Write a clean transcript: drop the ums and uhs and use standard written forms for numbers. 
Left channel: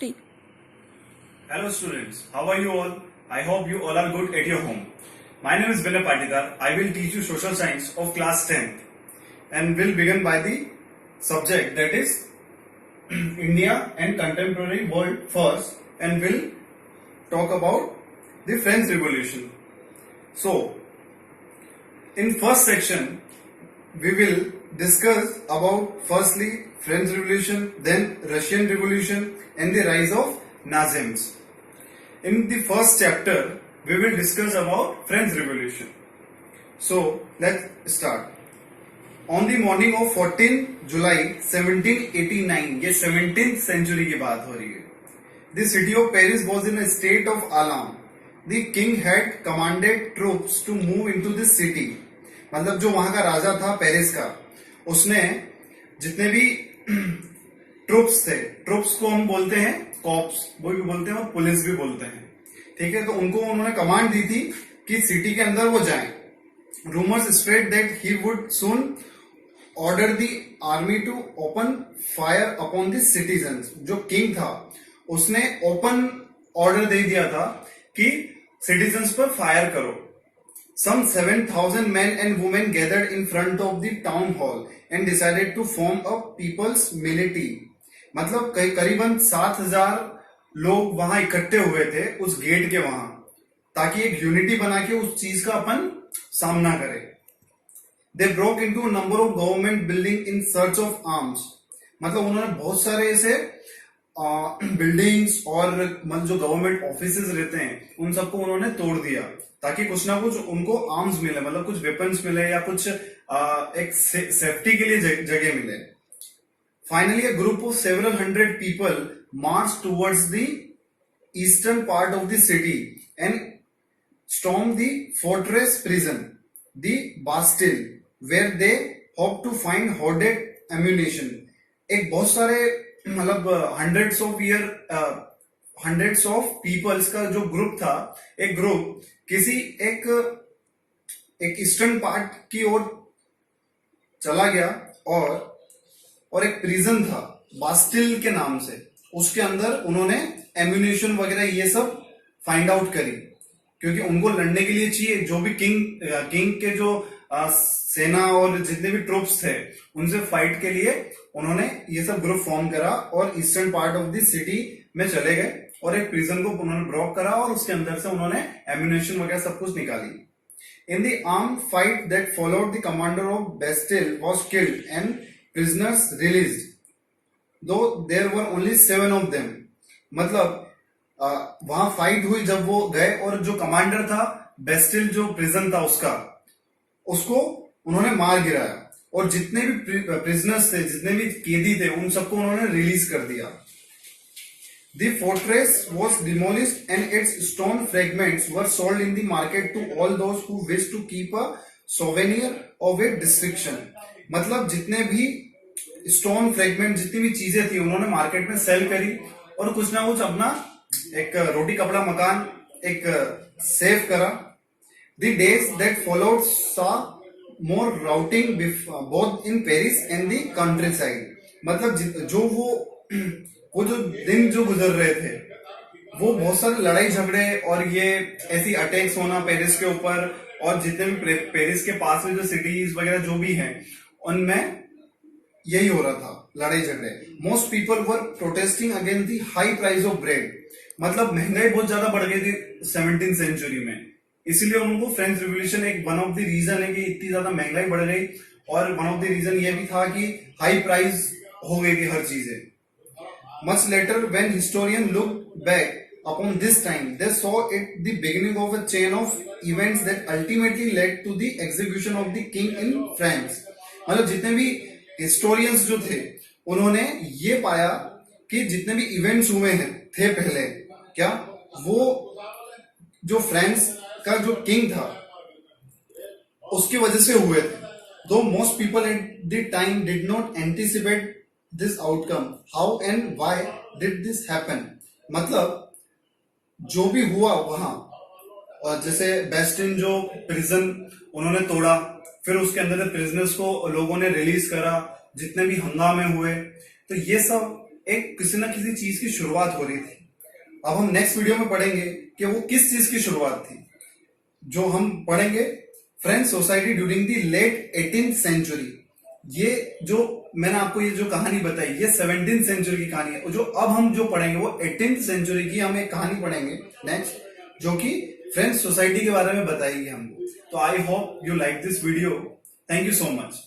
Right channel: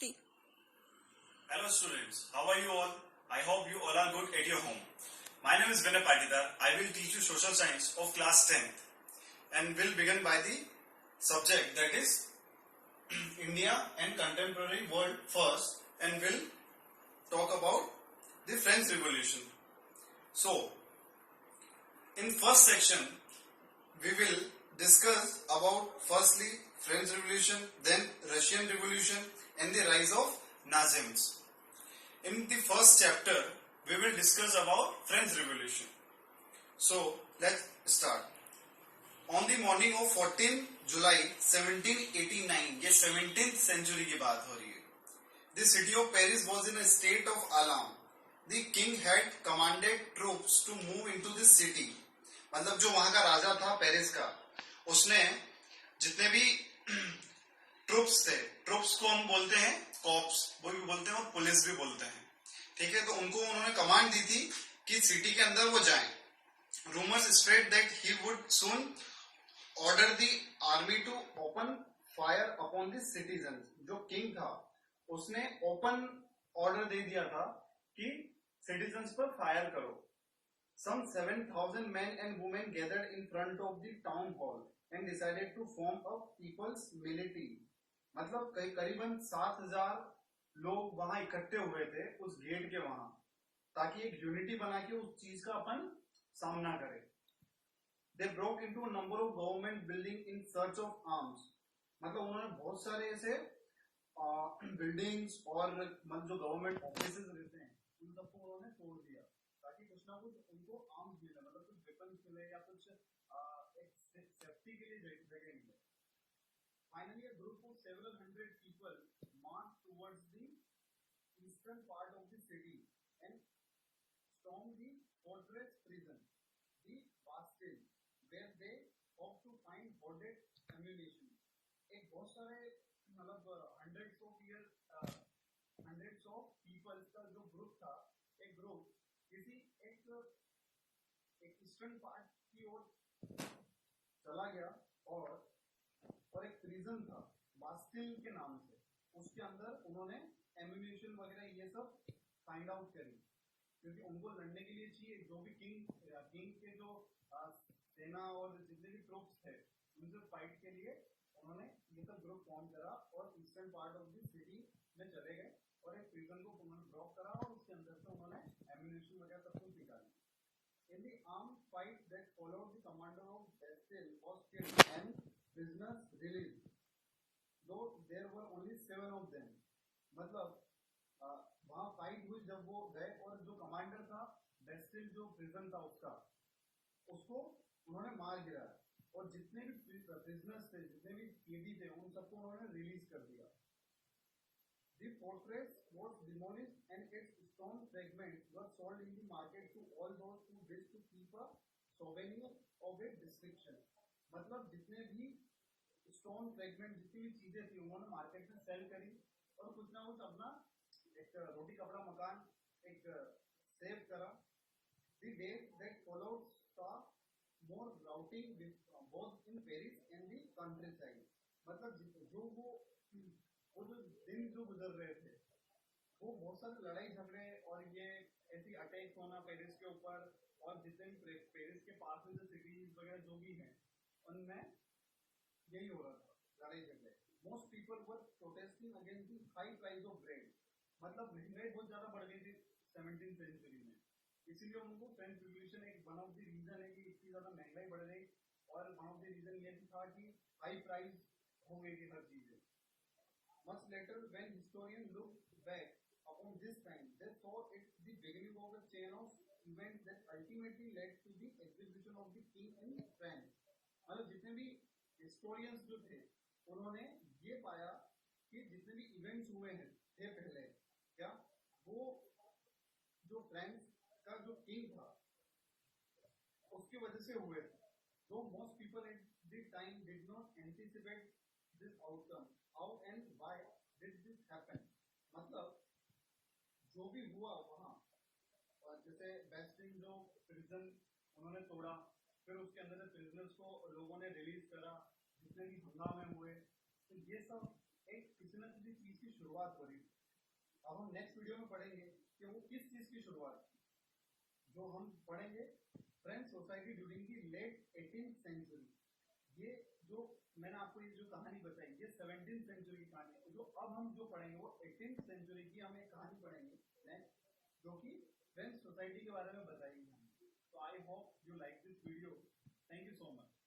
3. Hello students, how are you all? I hope you all are good at your home. My name is Vinay Patidar. I will teach you social science of class 10th and will begin by the subject that is India and contemporary world first and will talk about the French Revolution. So, in first section, we will discuss about firstly French Revolution, then Russian Revolution and the rise of Nazism. In the first chapter, we will discuss about French Revolution. So, let's start. On the morning of 14 July 1789, ये 17th century की बात हो रही है. The city of Paris was in a state of alarm. The king had commanded troops to move into the city. मतलब जो वहां का राजा था पेरिस का, उसने जितने भी ट्रूप्स थे, ट्रूप्स को हम बोलते हैं कॉप्स, वो भी बोलते हैं और पुलिस भी बोलते हैं, ठीक है. तो उनको उन्होंने कमांड दी थी कि सिटी के अंदर वो जाएं. Rumours spread that he would soon order the army to open fire upon the citizens. जो किंग था उसने ओपन ऑर्डर दे दिया था कि सिटीजन्स पर फायर करो. Some 7,000 men and women gathered in front of the town hall and decided to form a people's militia. मतलब करीबन 7,000 लोग वहां इकट्ठे हुए थे उस गेट के वहां, ताकि एक यूनिटी बना के उस चीज का अपन सामना करें. They broke into a number of government buildings in search of arms. मतलब उन्होंने बहुत सारे ऐसे बिल्डिंग्स और मतलब जो गवर्नमेंट ऑफिसेज रहते हैं उन सबको उन्होंने तोड़ दिया, ताकि कुछ ना कुछ उनको आर्म्स मिले, मतलब कुछ वेपन्स मिले या कुछ एक सेफ्टी के लिए जगह मिले. Finally a group of several hundred people march towards the eastern part of the city and storm the fortress prison the Bastille where they hope to find hoarded ammunition. एक बहुत सारे मतलब हंड्रेड्स ऑफ पीपल्स का जो group था, एक group किसी एक ईस्टर्न पार्ट की ओर चला गया और एक प्रिजन था बास्टिल के नाम से, उसके अंदर उन्होंने एम्यूनेशन वगैरह ये सब फाइंड आउट करी, क्योंकि उनको लड़ने के लिए चाहिए. जो भी किंग के जो सेना और जितने भी ट्रूप्स थे उनसे फाइट के लिए उन्होंने ये सब ग्रुप फॉर्म करा और eastern part of the city में चले गए और एक प्रिजन को उन्होंने ब्लॉक करा और उसके अंदर से उन्होंने एम्यूनेशन वगैरह सब कुछ निकाली. In the arm fight that followed the commander of Bastille was killed and prisoners released, though there were only 7 of them. मतलब वहां फाइट हुई जब वो गए और जो कमांडर था बेस्टिल जो प्रिजन था उसको उन्होंने मार गिराया और जितने भी प्रिजनर्स थे, जितने भी कैदी थे, उन सबको उन्होंने रिलीज कर दिया. The fortress was demolished and its stone fragments were sold in the market to all those who wished to keep a souvenir of a destruction. मतलब जितने भी स्टोन फ्रेगमेंट, जितनी भी चीजें थी उन्होंने मार्केट में सेल करी और कुछ ना कुछ अपना एक रोटी कपड़ा मकान एक सेव करा. The days that followed saw more routing both in Paris and the countryside. मतलब जो वो जो दिन जो गुजर रहे थे वो बहुत सारे लड़ाई झगड़े और ये ऐसी अटैक्स होना पेरिस के ऊपर और जितने भी पेरिस के पास में जो सिटीज वगैरह जो भी हैं उनमें यही हो रहा था, लड़ाई झगड़े. Most people were protesting against the high price of bread. मतलब महंगाई बहुत ज्यादा बढ़ गई थी 17th सेंचुरी में, इसीलिए उनको फ्रेंच रिवॉल्यूशन एक वन ऑफ द रीजन है कि इतनी ज्यादा महंगाई बढ़ गई, और वन ऑफ द रीजन ये भी था कि हाई प्राइस हो गई थी हर चीजें. Much later, when historians look back upon this time, they saw it the beginning of a chain of events that ultimately led to the execution of the king in France. मतलब जितने भी historians जो थे उन्होंने ये पाया कि जितने भी events हुए हैं थे पहले, क्या वो जो फ्रांस का जो किंग था उसकी वजह से हुए थे. Though most people at the time did not anticipate this outcome, how and why did this happen? मतलब जो भी हुआ वहां, और जैसे बेस्टिन जो प्रिजन उन्होंने तोड़ा, फिर उसके अंदर प्रिजनर्स को लोगों ने रिलीज करा, जितने भी हंगामे हुए, तो ये सब एक किसी न किसी चीज की शुरुआत हो रही थी। अब हम नेक्स्ट वीडियो में पढ़ेंगे कि वो किस चीज की शुरुआत थी। जो हम पढ़ेंगे French society during the late 18th century. ये जो मैंने आपको ये जो कहानी बताई ये 17th सेंचुरी की कहानी है। जो अब हम जो पढ़ेंगे वो 18th सेंचुरी की हम एक कहानी पढ़ेंगे नेक्स्ट, जो कि फ्रेंच सोसाइटी के बारे में बताएगी हमको। तो I hope you like this video. Thank you so much.